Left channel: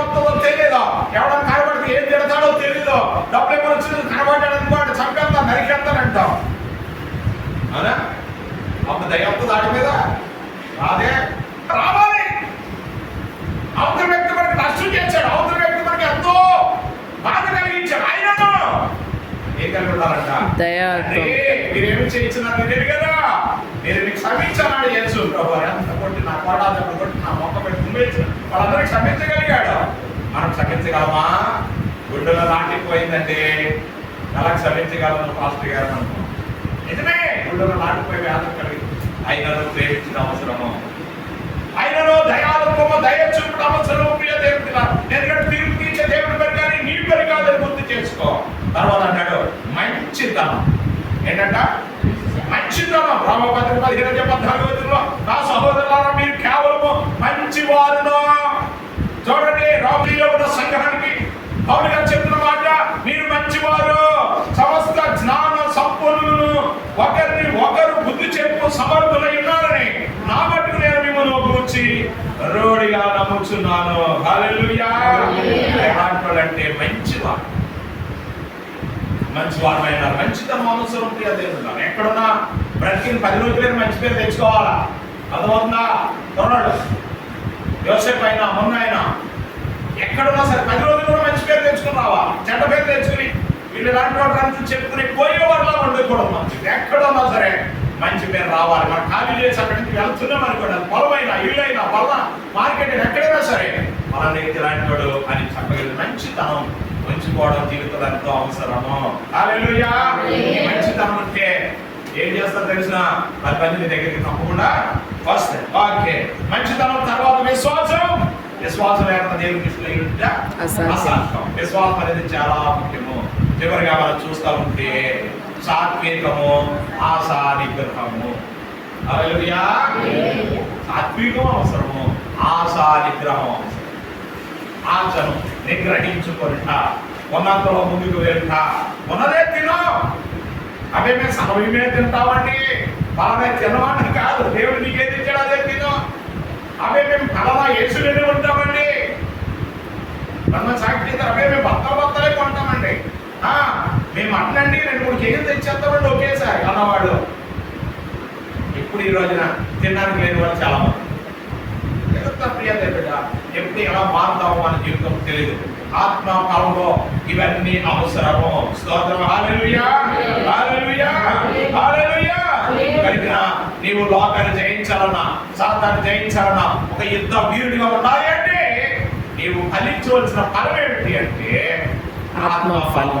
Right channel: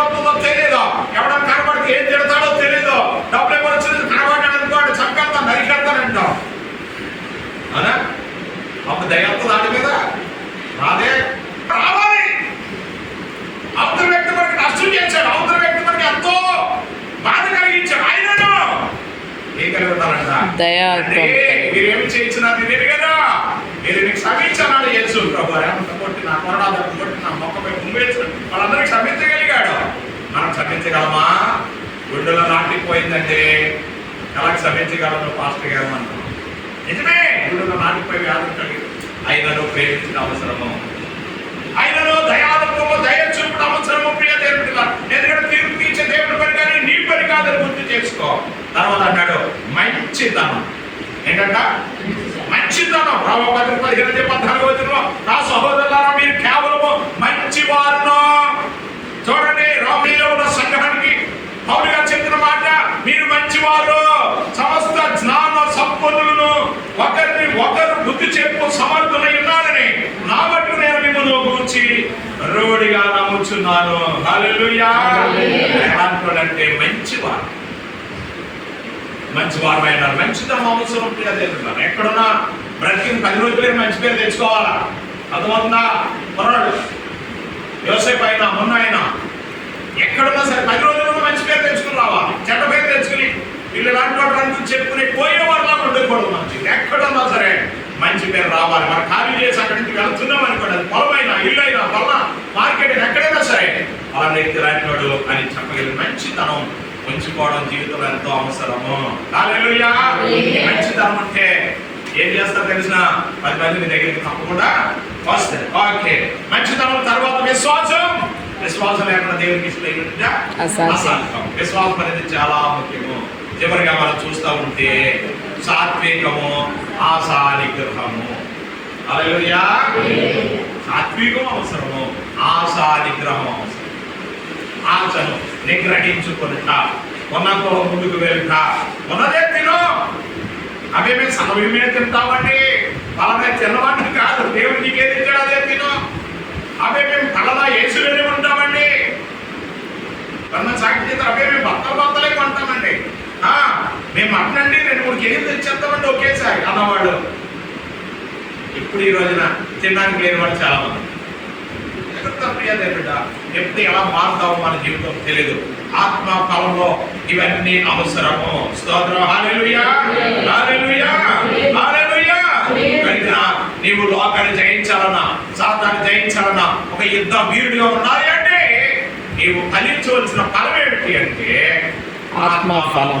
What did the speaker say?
ఉంటుందో తెలియదు ఎవడన్నా కనబడితే ఏం తిడతాడో తెలియదు డబ్బులు ఎవరు వచ్చినది కనబడ్డాడు అనుకోండి చంపేస్తాను నరికేస్తానంటాం అవునా? అప్పుడు దయ్యంతో దాని మీద? రాదే రావాలి. అవతల వ్యక్తి మనకి నష్టం చేశాడు. అవతల వ్యక్తి మనకి ఎంతో బాధ కలిగించాడు. ఆయనను ఏం కలిగి ఉన్నారంట? దయాతో అంటే మీరేమి చేయించినా నేనేమి కదా. మీరు మీకు క్షమించన్నాడు యేసు ప్రభు ఎంత కొట్టి నా కొరడా కొట్టి నా మొక్క పెట్టి వాళ్ళందరికీ క్షమించగలిగాడు మనం క్షమించగలమా? గుండెలో నాటిపోయిందంటే ఎలా క్షమించగలను పాస్టర్ గారు అనుకున్నాం. నిజమే గుండెలో నాటిపోయి వ్యాధులు కలిగి ఆయనను ప్రేమించిన అవసరము. ఆయనలో దయాలత్వము దయ చూపుడు అవసరము. ప్రియ దేవుడు ఎందుకంటే తీర్పు తీర్చే దేవుడి పని కానీ నీ పని కాదని గుర్తు చేసుకో. తర్వాత అన్నాడు మంచితనం. ఏంటంట? మంచి మంచితనం. రామపతి పదిహేను పద్నాలుగు వచ్చిన నా సహోదరు అంటే మంచివారు. మంచివారు అయినారు. మంచితనం అవసరం ప్రియ దేవుడు. ఎక్కడున్నా బ్రతికిన పది రోజులే మంచి పేరు తెచ్చుకోవాలా? అర్థమవుతుందా? కుర్రాడు. యోసేపు అయినా మొన్న అయినా ఎక్కడున్నా సరే పది రోజులు కూడా మంచి పేరు తెచ్చుకుని రావాలి? చెడ్డ పేరు తెచ్చుకుని వీళ్ళు అంటూ చెప్పుకుని పోయే వాళ్ళ ఉండకూడదు మంచిది ఎక్కడున్నా సరే మంచి పేరు రావాలి మనం ఖాళీ చేసి అక్కడి నుంచి వెళ్తున్నాం అనుకోండి పొలమైనా ఇల్లు అయినా వల్ల మార్కెట్ ఎక్కడైనా సరే అలా వ్యక్తి ఇలాంటి వాడు అని చెప్పగలిగి మంచితనం ఉంచుకోవడం జీవితంలో ఎంతో అవసరము. మంచితనం అంటే ఏం చేస్తారు తెలిసిన పది మంది నీ దగ్గరికి తప్పకుండా ఫస్ట్ ఓకే. మంచితనం తర్వాత విశ్వాసం. విశ్వాసం లేకుండా దేవునికి ఇష్టం అసాధ్యం. విశ్వాసం అనేది చాలా ముఖ్యము. చివరిగా మనం చూస్తూ ఉంటే సాత్వికము ఆశా నిగ్రహము సాత్వికం అవసరము ఆశా నిగ్రహం అవసరం ఆశను నిగ్రహించుకుంటా ఉన్నంతలో ముందుకు వెళ్తా. ఉన్నదే తిను. అవే మేము సన్నవి మీద తింటామండి. పలానా తినమంటే కాదు. దేవుడు నీకేది ఇచ్చాడు అదే తిను. అవే మేము పలానా ఏసులోనే ఉంటామండి. మన సాక్షి అవే మేము బత్తలు బత్తలే కొంటామండి. ఆ, మేము అట్లండి రెండు మూడు కేజీలు తెచ్చేస్తామండి ఒకేసారి అన్నవాడు ఇప్పుడు ఈ రోజున తినడానికి లేని వాళ్ళు చాలా మంది జగత్తా దేవుడా ఎప్పుడు ఎలా మారుతామో మన జీవితం తెలియదు ఆత్మ ఫలంలో ఇవన్నీ అవసరము. స్తోత్రం. కనుక నీవు లోకాన్ని జయించాలన్నా సాతాన్ని జయించాలన్నా ఒక యుద్ధ వీరుడిగా ఉండాలి అంటే నీవు ఫలించవలసిన ఫలం ఏమిటి అంటే ఆత్మ ఫలం